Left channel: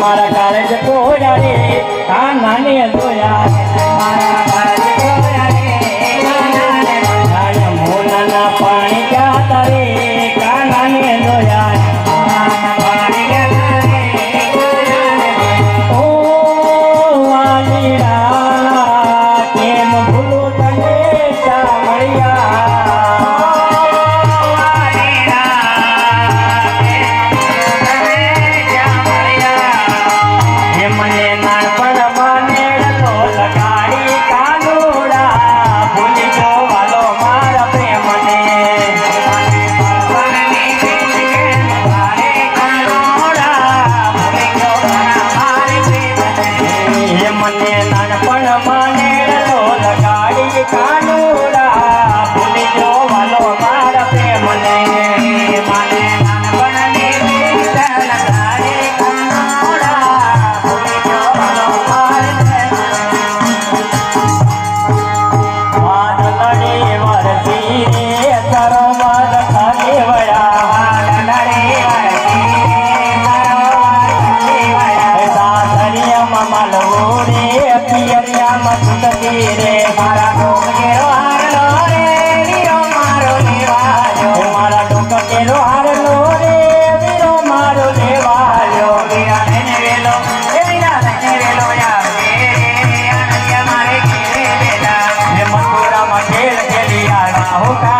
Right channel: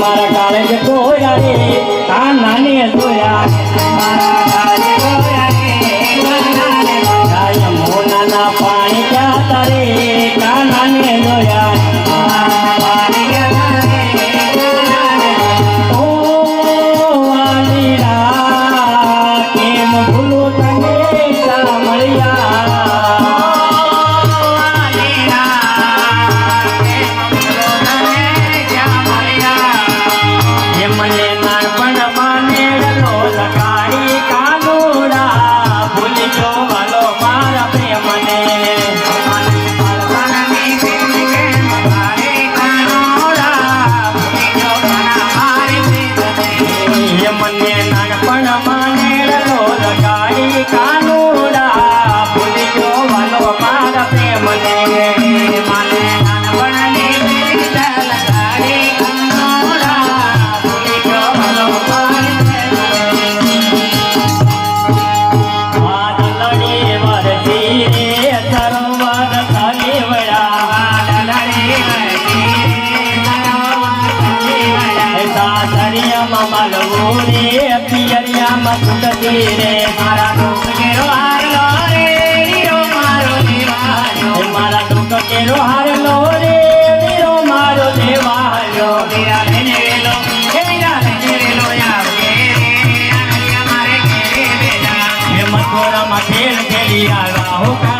મારા કાળે જતો હોય આ નાની હતો होता